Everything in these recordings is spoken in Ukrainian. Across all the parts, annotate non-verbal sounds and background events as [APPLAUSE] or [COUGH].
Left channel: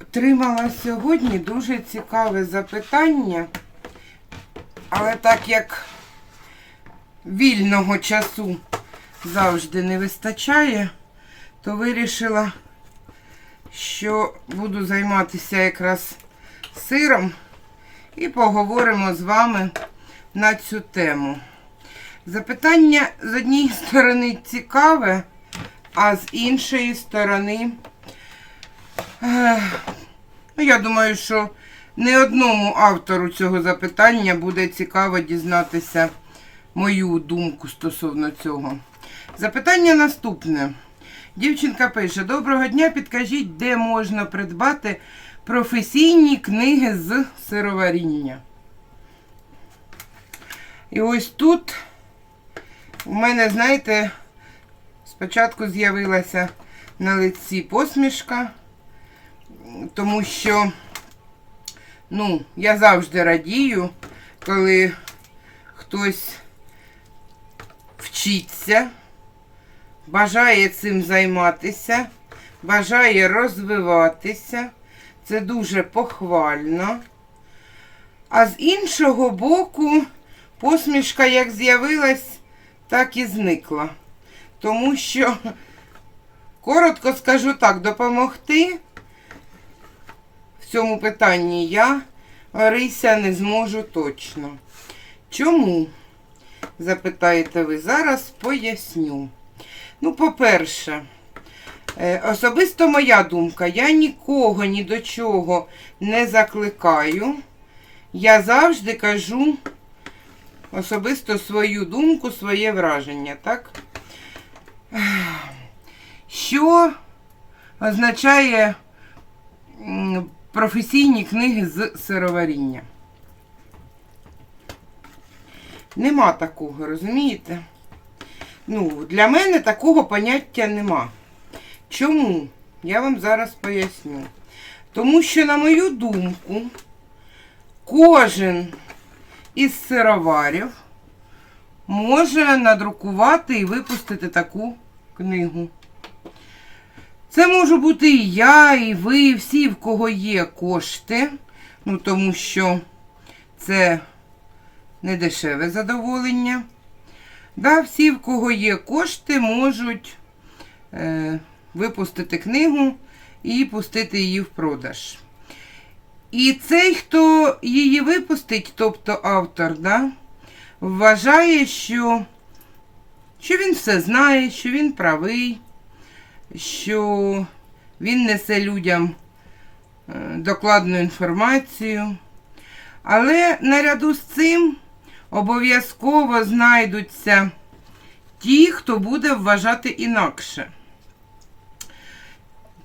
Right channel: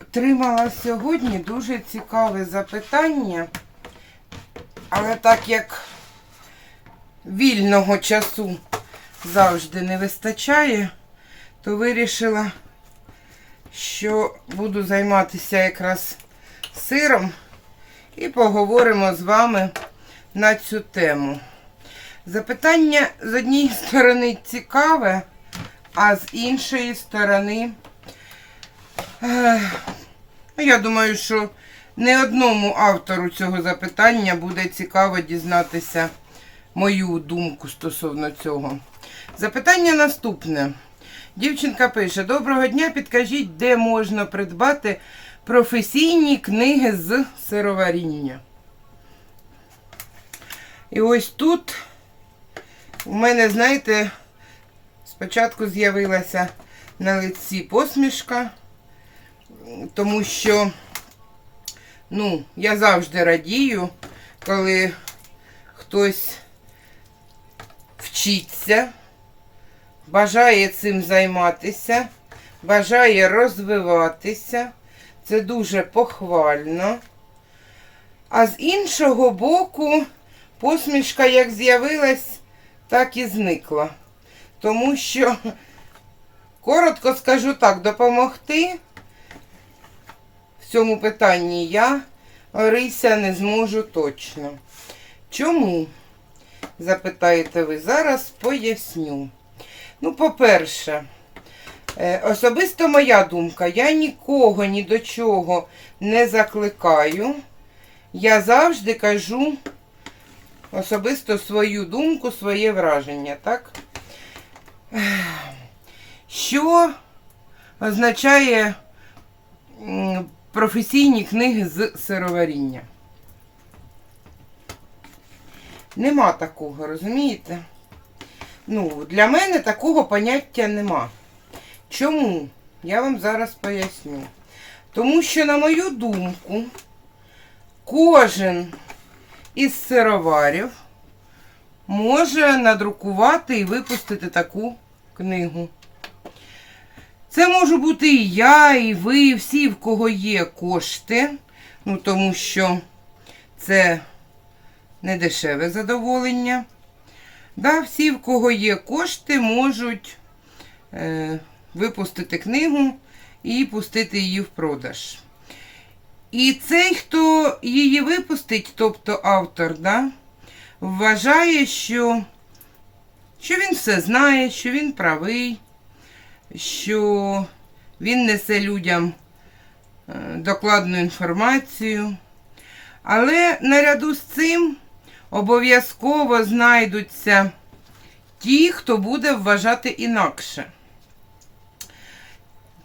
Отримала сьогодні дуже цікаве запитання, але так як вільного часу завжди не вистачає, то вирішила, що буду займатися якраз сиром і поговоримо з вами на цю тему. Запитання з однієї [LAUGHS] сторони цікаве, а з іншої сторони. Ну, Я думаю, що не одному автору цього запитання буде цікаво дізнатися мою думку стосовно цього. Запитання наступне. Дівчинка пише: Доброго дня, підкажіть, де можна придбати професійні книги з сироваріння. І ось тут у мене, знаєте, спочатку з'явилася на лиці посмішка тому що ну, я завжди радію, коли хтось вчиться, бажає цим займатися, бажає розвиватися. Це дуже похвально. А з іншого боку, посмішка як з'явилась, так і зникла. Тому що, коротко скажу так, допомогти в цьому питанні я, Орися, не зможу точно. Чому? Запитаєте ви, зараз поясню. Ну, по-перше, е, особисто моя думка, я нікого ні до чого не закликаю. Я завжди кажу особисто свою думку, своє враження, так? Що означає професійні книги з сироваріння. Нема такого, розумієте? Ну, для мене такого поняття нема. Чому? Я вам зараз поясню. Тому що, на мою думку, кожен із сироварів може надрукувати і випустити таку книгу. Це можу бути і я, і ви, і всі, в кого є кошти, ну тому що це не дешеве задоволення. Да, всі, в кого є кошти, можуть е, випустити книгу і пустити її в продаж. І цей, хто її випустить, тобто автор, да, вважає, що, що він все знає, що він правий що він несе людям е, докладну інформацію. Але наряду з цим обов'язково знайдуться ті, хто буде вважати інакше.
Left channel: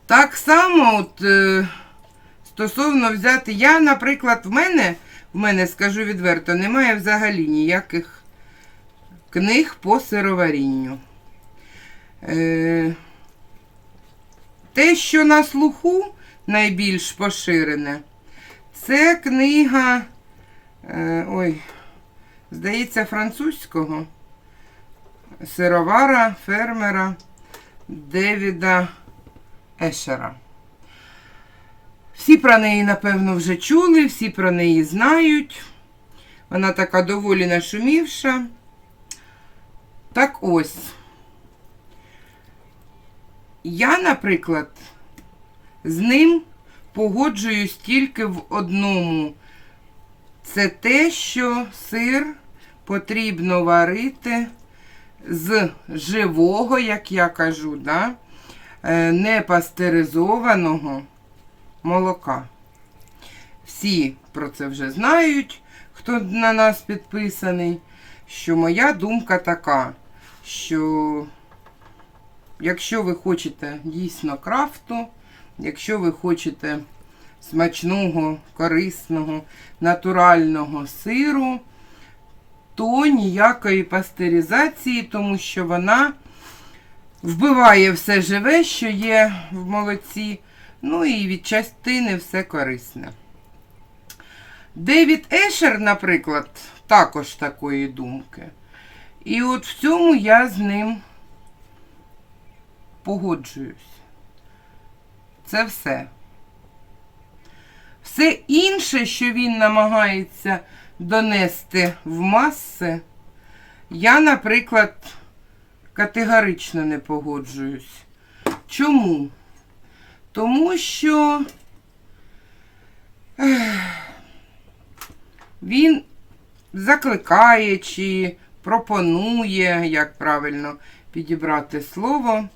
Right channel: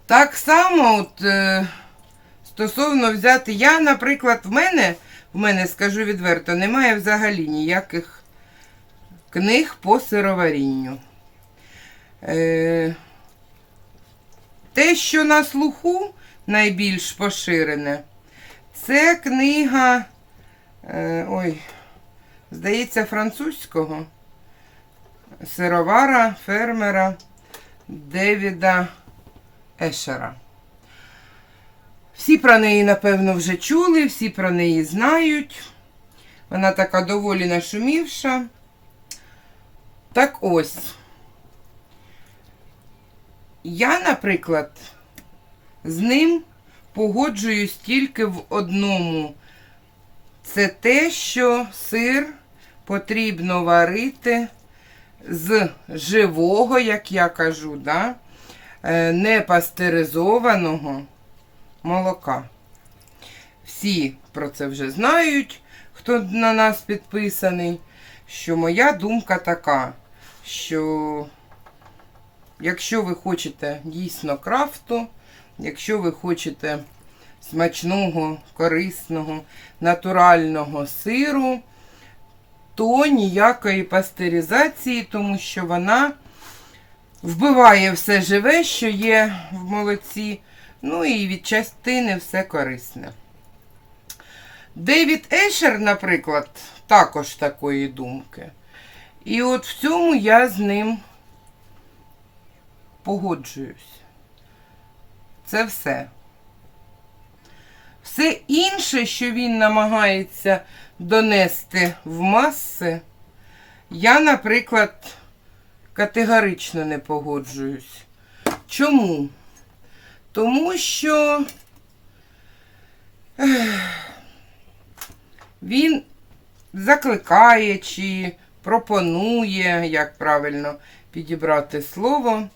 Так само, от, е, стосовно взяти, я, наприклад, в мене, в мене, скажу відверто, немає взагалі ніяких книг по сироварінню. Е, те, що на слуху найбільш поширене, це книга, е, ой, здається, французького сировара, фермера Девіда Ешера. Всі про неї, напевно, вже чули, всі про неї знають. Вона така доволі нашумівша. Так ось. Я, наприклад, з ним погоджуюсь тільки в одному. Це те, що сир потрібно варити з живого, як я кажу, да? е, не молока. Всі про це вже знають, хто на нас підписаний, що моя думка така, що Якщо ви хочете дійсно крафту, якщо ви хочете смачного, корисного, натурального сиру, то ніякої пастеризації, тому що вона вбиває все живе, що є в молоці. Ну і від частини все корисне. Девід Ешер, наприклад, також такої думки. І от в цьому я з ним погоджуюсь. Це все. Все інше, що він намагається донести в маси, я, наприклад, категорично не погоджуюсь. Чому? Тому що він закликає чи пропонує, як правильно підібрати слово.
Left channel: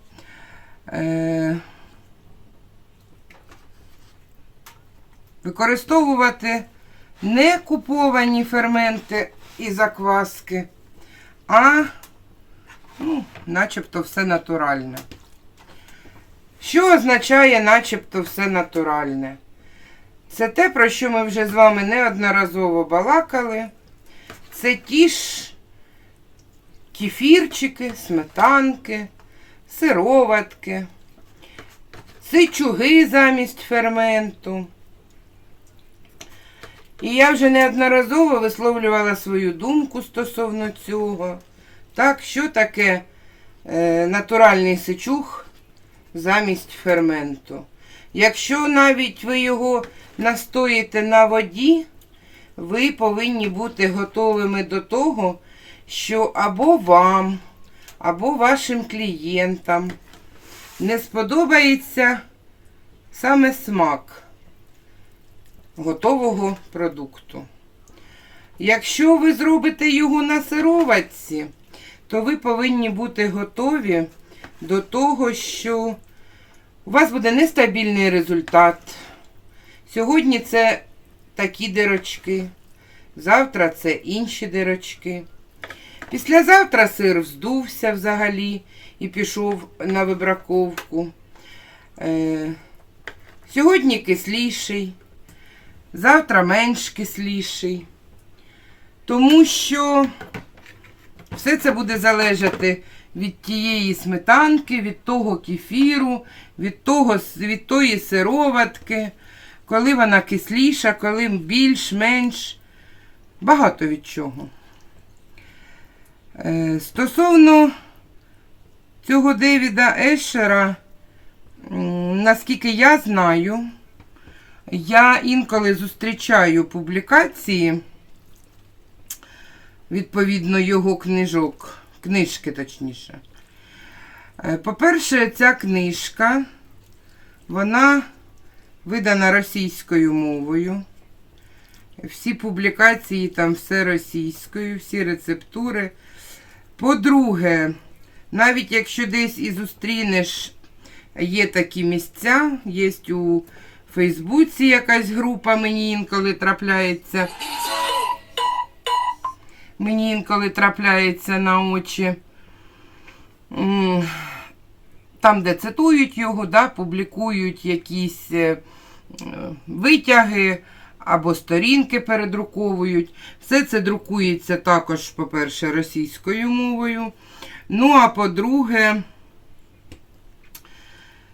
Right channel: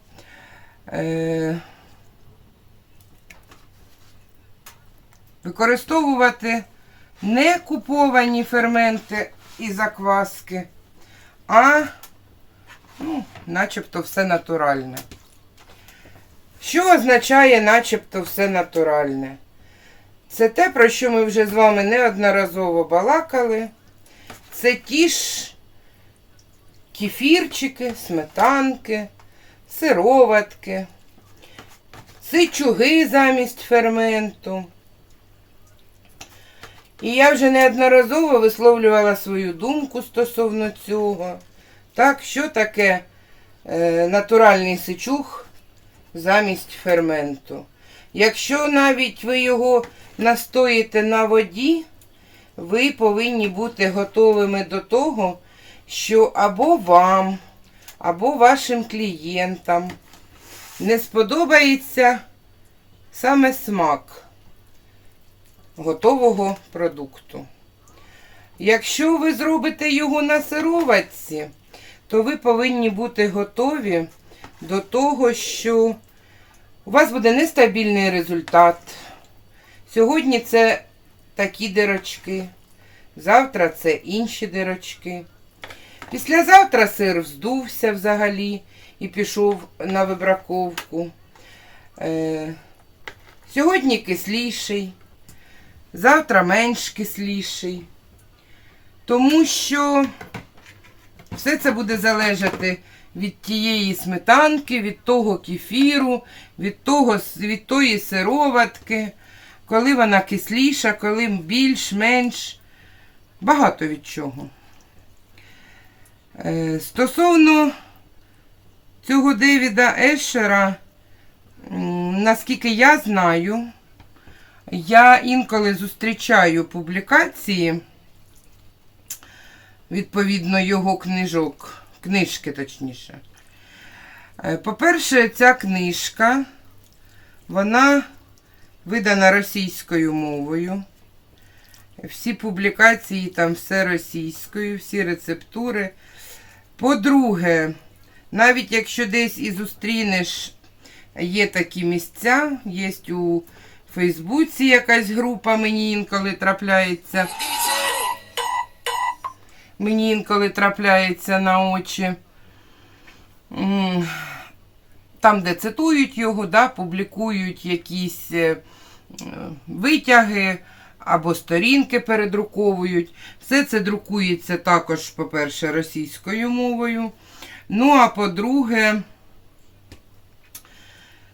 Е, використовувати не куповані ферменти і закваски, а ну, начебто все натуральне. Що означає начебто все натуральне? Це те, про що ми вже з вами неодноразово балакали. Це ті ж кефірчики, сметанки, сироватки, сичуги замість ферменту. І я вже неодноразово висловлювала свою думку стосовно цього. Так, що таке е, натуральний сичуг замість ферменту? Якщо навіть ви його настоїте на воді, ви повинні бути готовими до того, що або вам, або вашим клієнтам не сподобається саме смак готового продукту. Якщо ви зробите його на сироватці, то ви повинні бути готові до того, що у вас буде нестабільний результат. Сьогодні це такі дирочки, завтра це інші дирочки. Післязавтра сир вздувся взагалі і пішов на вибраковку. Е, сьогодні кисліший, завтра менш кисліший. Тому що все це буде залежати від тієї сметанки, від того кефіру, від, того, від тої сироватки, коли вона кисліша, коли більш-менш. Багато від чого. Е, Стосовно цього Девіда Ешера, наскільки я знаю, я інколи зустрічаю публікації, відповідно, його книжок, книжки точніше. Е, По-перше, ця книжка, вона видана російською мовою. Всі публікації там все російською, всі рецептури. По-друге, навіть якщо десь і зустрінеш, є такі місця, є у Фейсбуці якась група, мені інколи трапляється. Мені інколи трапляється на очі. Там, де цитують його, да, публікують якісь е, витяги або сторінки передруковують. Все це друкується також, по-перше, російською мовою. Ну, а по-друге,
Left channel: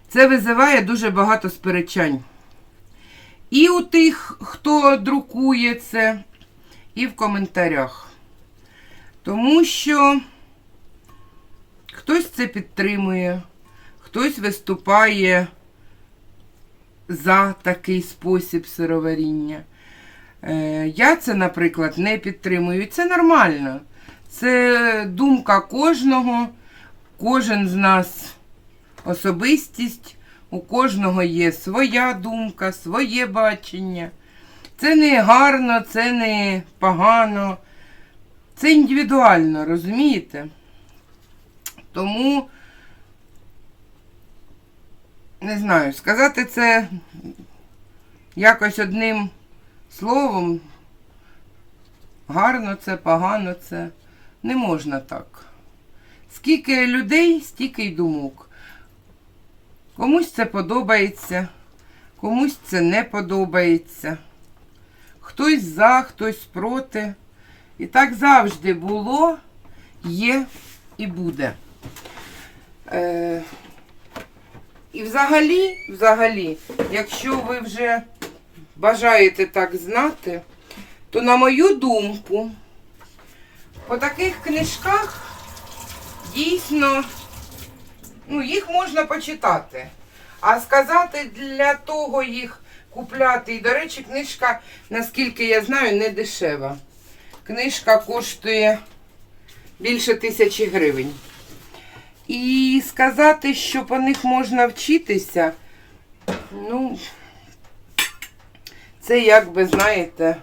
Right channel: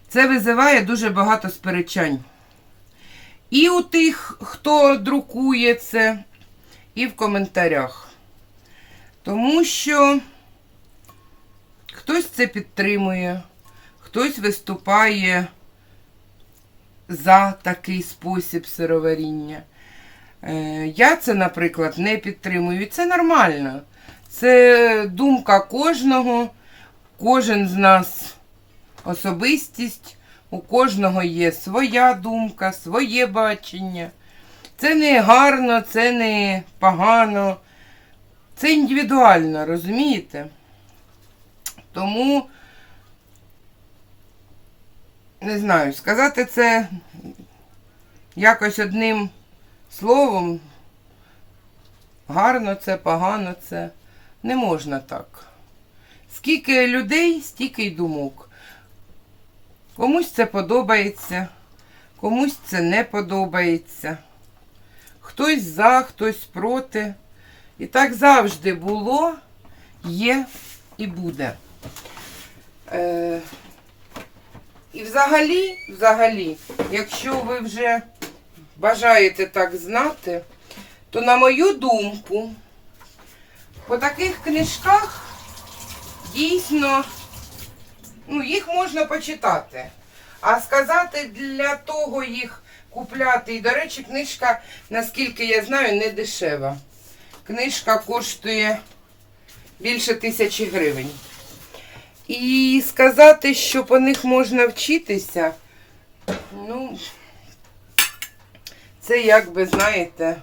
це визиває дуже багато сперечань. І у тих, хто друкує це, і в коментарях. Тому що хтось це підтримує, хтось виступає за такий спосіб сироваріння. Е, Я це, наприклад, не підтримую. І це нормально. Це думка кожного, кожен з нас особистість, у кожного є своя думка, своє бачення. Це не гарно, це не погано. Це індивідуально, розумієте? Тому, не знаю, сказати це якось одним словом, гарно це, погано це, не можна так. Скільки людей, стільки й думок. Комусь це подобається, комусь це не подобається. Хтось за, хтось проти. І так завжди було, є і буде. Е, І взагалі, взагалі, якщо ви вже бажаєте так знати, то на мою думку, по таких книжках дійсно ну, їх можна почитати. А сказати для того їх купляти. І, до речі, книжка, наскільки я знаю, не дешева. Книжка коштує більше тисячі гривень. І сказати, що по них можна вчитися, ну, це як би, знаєте,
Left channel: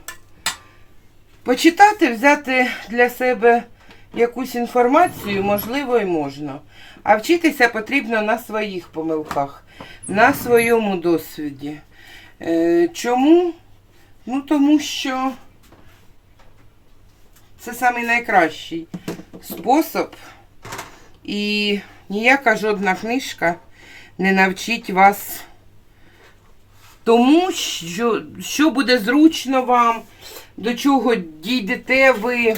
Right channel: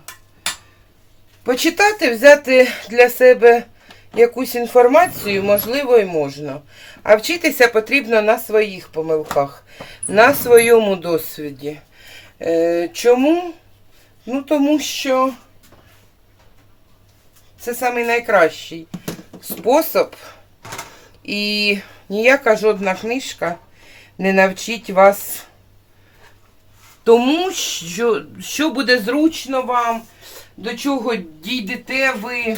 почитати, взяти для себе якусь інформацію, можливо, і можна. А вчитися потрібно на своїх помилках, на своєму досвіді. Е, чому? Ну, тому що це самий найкращий спосіб. І ніяка жодна книжка не навчить вас тому, що, що буде зручно вам, до чого дійдете ви.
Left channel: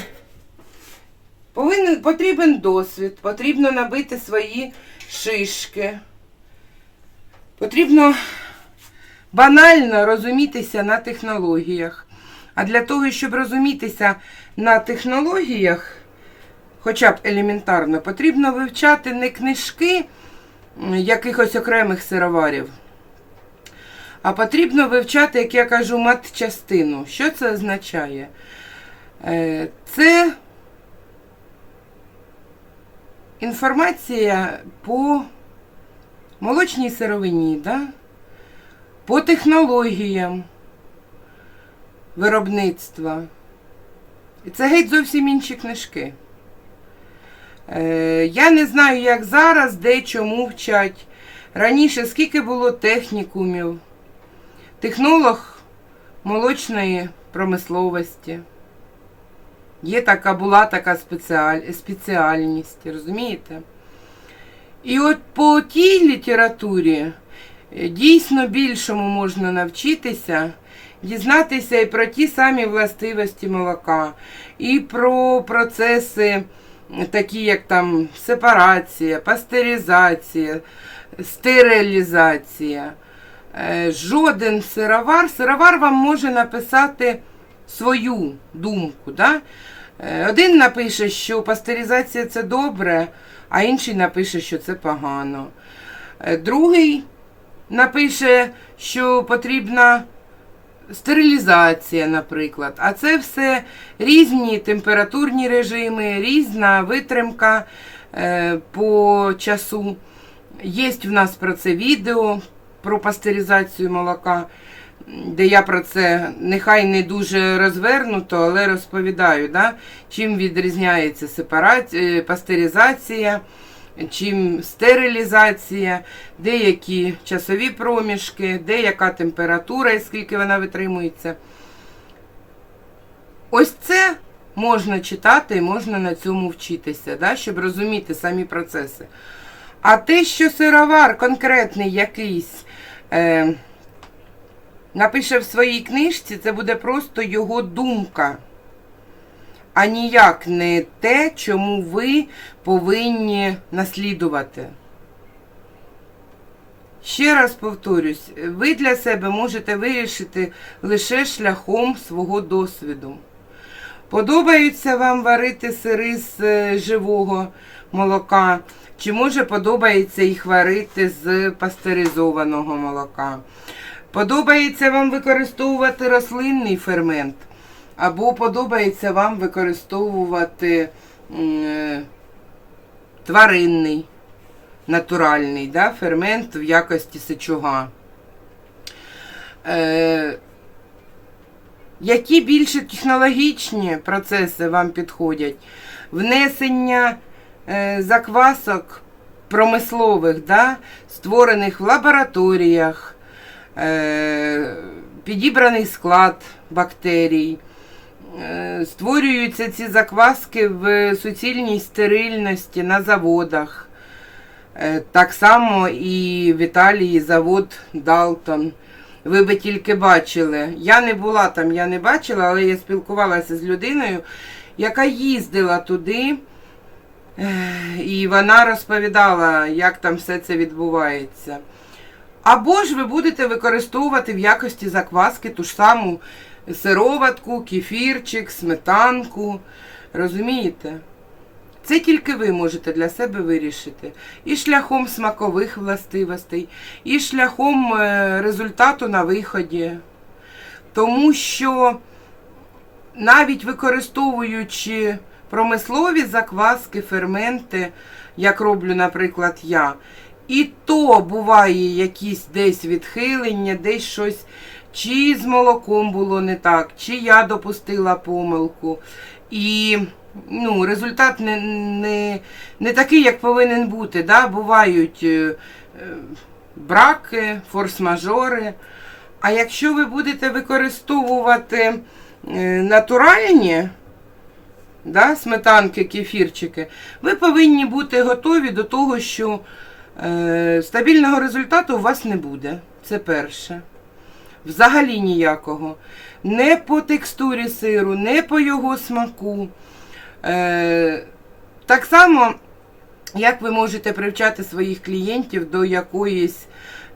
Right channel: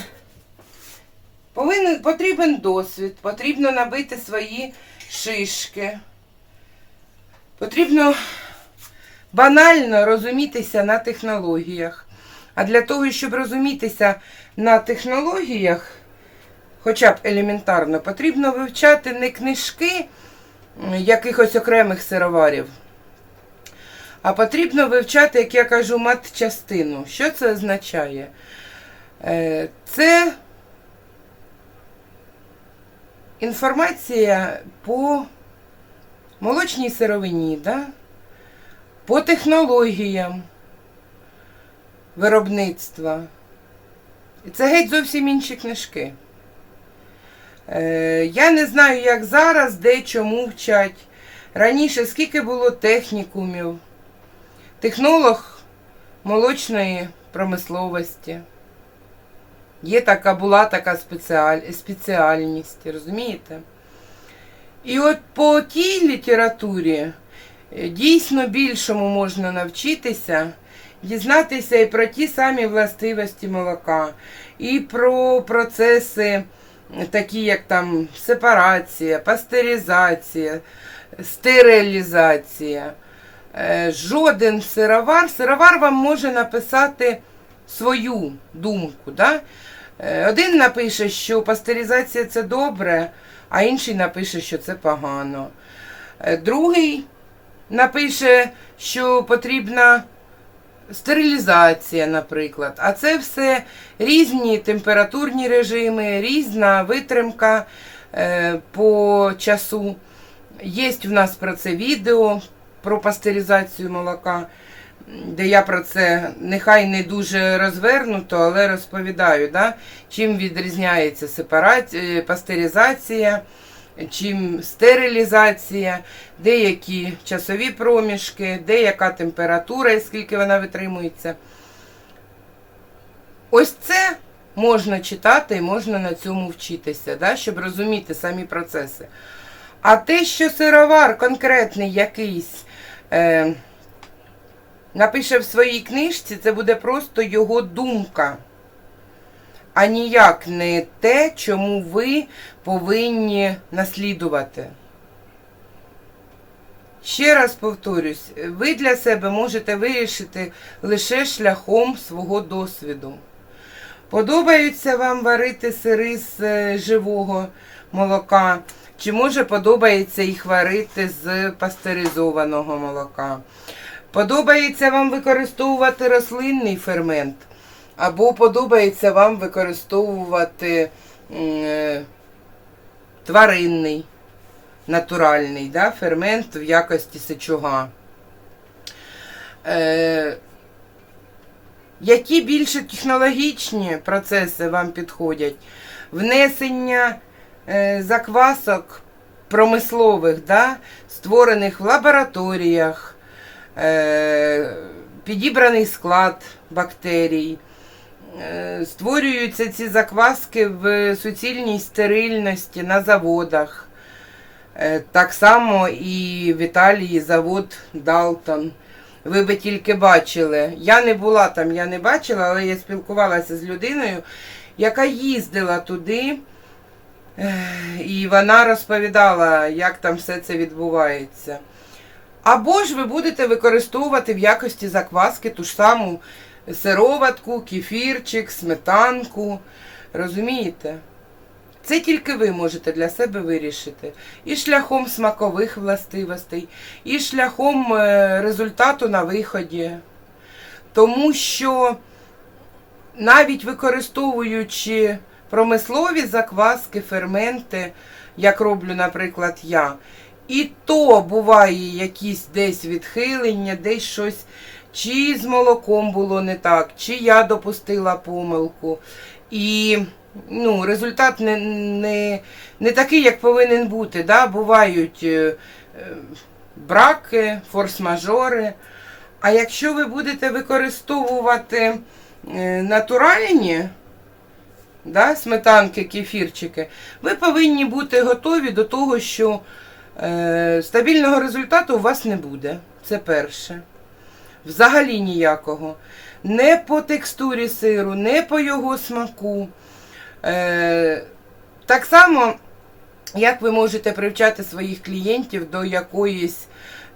Повинен, потрібен досвід, потрібно набити свої шишки. Потрібно банально розумітися на технологіях. А для того, щоб розумітися на технологіях, хоча б елементарно, потрібно вивчати не книжки якихось окремих сироварів, а потрібно вивчати, як я кажу, матчастину. Що це означає? Е, Це інформація по молочній сировині, да? по технологіям виробництва. І це геть зовсім інші книжки. Е, я не знаю, як зараз, де чому вчать. Раніше скільки було технікумів, технолог молочної промисловості. Є така, була така спеціаль, спеціальність, розумієте? І от по тій літературі е, дійсно більшому можна навчитися, дізнатися і про ті самі властивості молока, і про процеси, такі як там сепарація, пастеризація, стерилізація. Е, Жоден сировар, сировар вам може написати свою думку. Да? Е, Один напише, що пастеризація це добре, а інший напише, що це погано. Е, Другий напише, що потрібна стерилізація, наприклад. А це все різні температурні режими, різна витримка е, по часу. Є в нас про це відео про пастеризацію молока, де я про це нехай не дуже розвернуто, але розповідаю, да? чим відрізняється сепарація, пастеризація, чим стерилізація, деякі часові проміжки, деяка температура, і скільки вона витримується. Ось це можна читати і можна на цьому вчитися, да? щоб розуміти самі процеси. А те, що сировар конкретний якийсь е, напише в своїй книжці, це буде просто його думка, а ніяк не те, чому ви повинні наслідувати. Ще раз повторюсь, ви для себе можете вирішити лише шляхом свого досвіду. Подобається вам варити сири з е, живого молока, чи може подобається їх варити з пастеризованого молока. Подобається вам використовувати рослинний фермент, або подобається вам використовувати е, тваринний, натуральний да, фермент в якості сечуга. Е, які більше технологічні процеси вам підходять? Внесення е, заквасок промислових, да, створених в лабораторіях, підібраний склад бактерій. Е, Створюються ці закваски в суцільній стерильності на заводах. Е, Так само і в Італії завод Далтон. Ви би тільки бачили. Я не була там, я не бачила, але я спілкувалася з людиною, яка їздила туди. І вона розповідала, як там все це відбувається. Або ж ви будете використовувати в якості закваски ту ж саму сироватку, кефірчик, сметанку. Розумієте? Це тільки ви можете для себе вирішити. І шляхом смакових властивостей, і шляхом е, результату на виході. Тому що навіть використовуючи промислові закваски, ферменти, як роблю, наприклад, я, і то буває якісь десь відхилення, десь щось, чи з молоком було не так, чи я допустила помилку. І ну, результат не, не, не такий, як повинен бути. Да? Бувають е, е, браки, форс-мажори. А якщо ви будете використовувати е, натуральні да, сметанки, кефірчики, ви повинні бути готові до того, що стабільного результату у вас не буде. Це перше. Взагалі ніякого. Не по текстурі сиру, не по його смаку. Е, так само, як ви можете привчати своїх клієнтів до якоїсь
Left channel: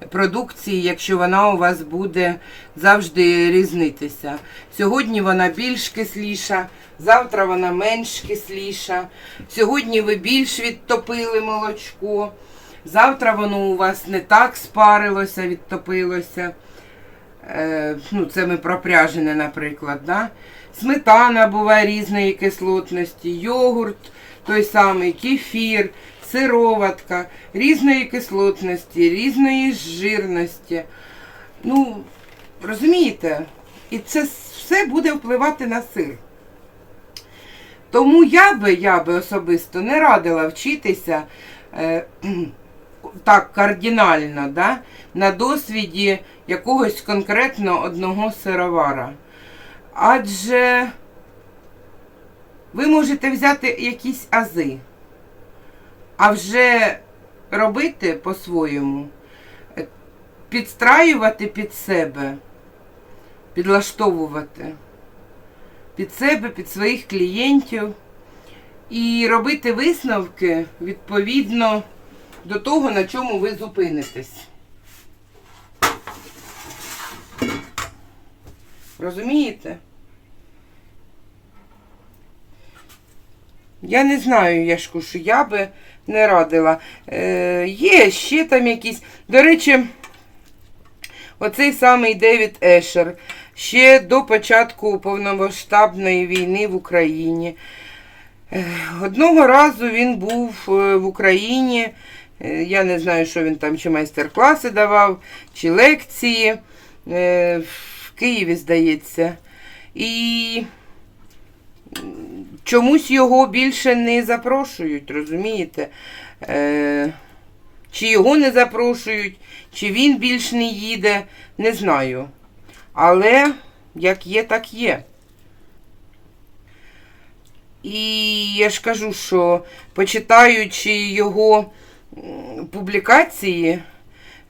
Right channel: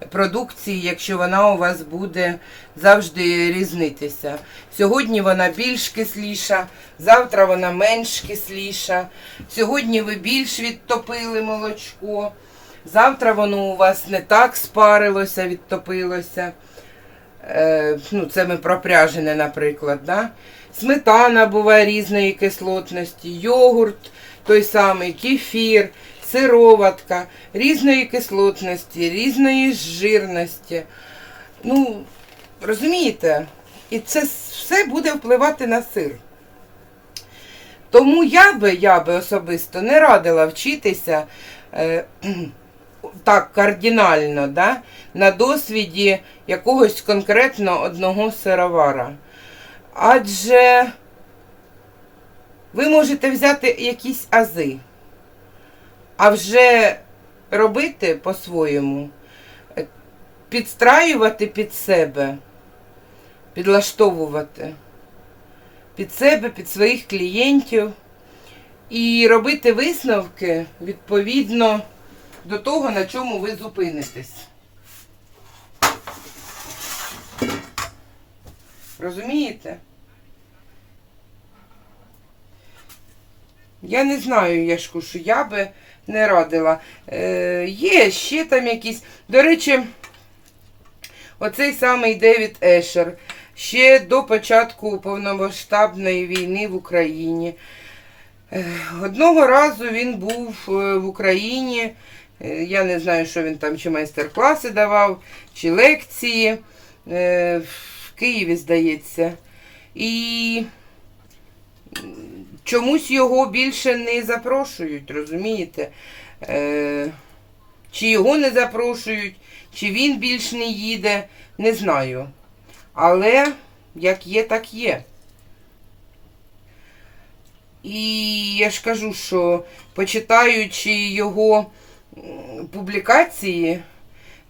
продукції, якщо вона у вас буде завжди різнитися. Сьогодні вона більш кисліша, завтра вона менш кисліша. Сьогодні ви більш відтопили молочко, завтра воно у вас не так спарилося, відтопилося. Е, ну, це ми про пряжене, наприклад. Да? Сметана буває різної кислотності, йогурт той самий, кефір, сироватка, різної кислотності, різної жирності. Ну, розумієте? І це все буде впливати на сир. Тому я би, я би особисто не радила вчитися е, так кардинально, да, на досвіді якогось конкретно одного сировара. Адже ви можете взяти якісь ази, а вже робити по-своєму, підстраювати під себе, підлаштовувати під себе, під своїх клієнтів і робити висновки відповідно до того, на чому ви зупинитесь. Розумієте? Я не знаю, Яшку, що я би не радила. Е, Є ще там якісь. До речі, оцей самий Девід Ешер. Ще до початку повномасштабної війни в Україні. Е, Одного разу він був е, в Україні. Е, Я не знаю, що він там, чи майстер-класи давав, чи лекції. Е, В Києві, здається. І чомусь його більше не запрошують, розумієте? Е, Чи його не запрошують, чи він більш не їде, не знаю. Але як є, так є. І я ж кажу, що почитаючи його публікації,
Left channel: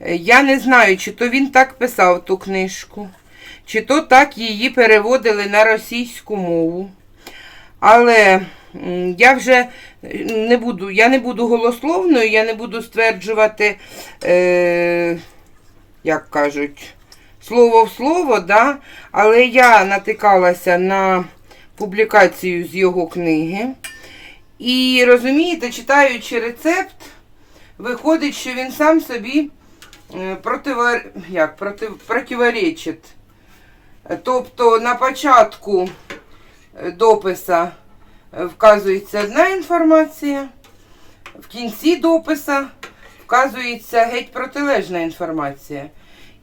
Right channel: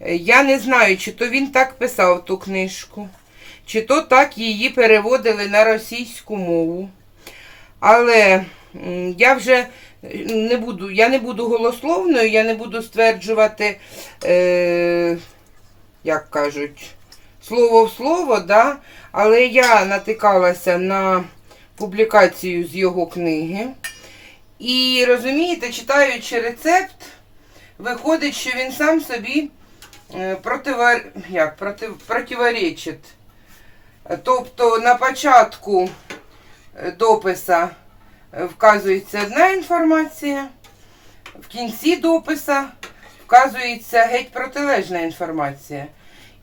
я не знаю, чи то він так писав ту книжку, чи то так її переводили на російську мову. Але я вже не буду, я не буду голословною, я не буду стверджувати, е, як кажуть, слово в слово, да? але я натикалася на публікацію з його книги. І розумієте, читаючи рецепт, виходить, що він сам собі е, противар... як, против... противоречить. Тобто на початку е, дописа е, вказується одна інформація, в кінці дописа вказується геть протилежна інформація.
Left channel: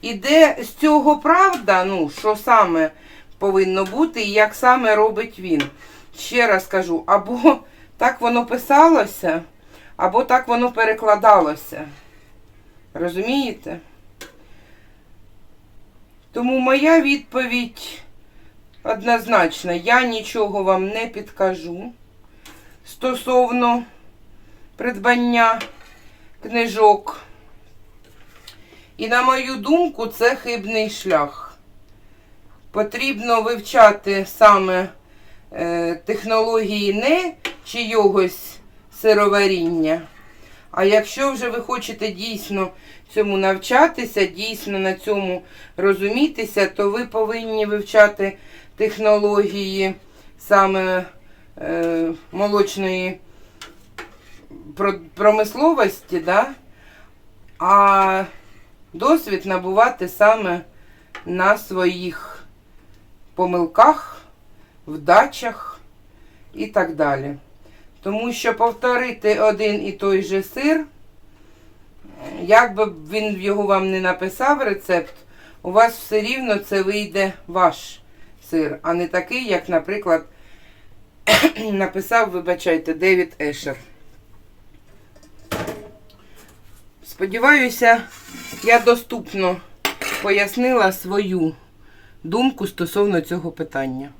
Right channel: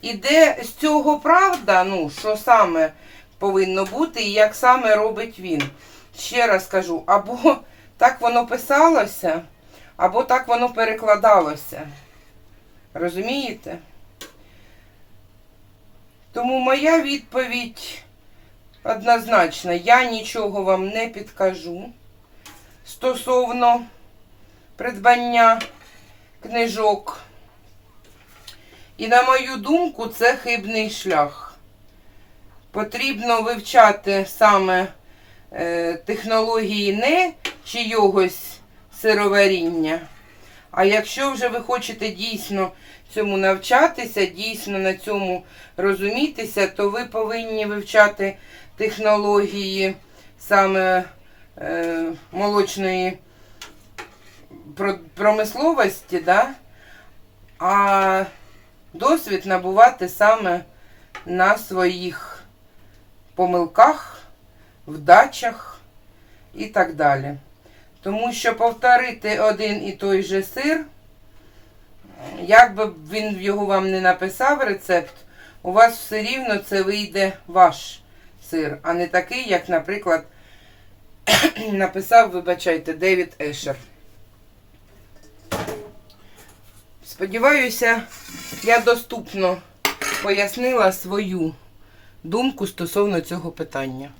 І де з цього правда, ну, що саме повинно бути і як саме робить він. Ще раз кажу, або так воно писалося, або так воно перекладалося. Розумієте? Тому моя відповідь однозначна. Я нічого вам не підкажу стосовно придбання книжок. І на мою думку, це хибний шлях. Потрібно вивчати саме е, технології не чийогось сироваріння. А якщо вже ви хочете дійсно цьому навчатися, дійсно на цьому розумітися, то ви повинні вивчати технології саме е, молочної промисловості, да? а досвід набувати саме на своїх помилках, вдачах і так далі. Тому що повторити один і той же сир, як би він його вам не написав рецепт, у вас все рівно це вийде ваш сир, а не такий, як, наприклад, [CLEARS THROAT] написав, вибачайте, Девід Ешер. Сподіваюся, я доступно пояснила свою думку стосовно цього питання.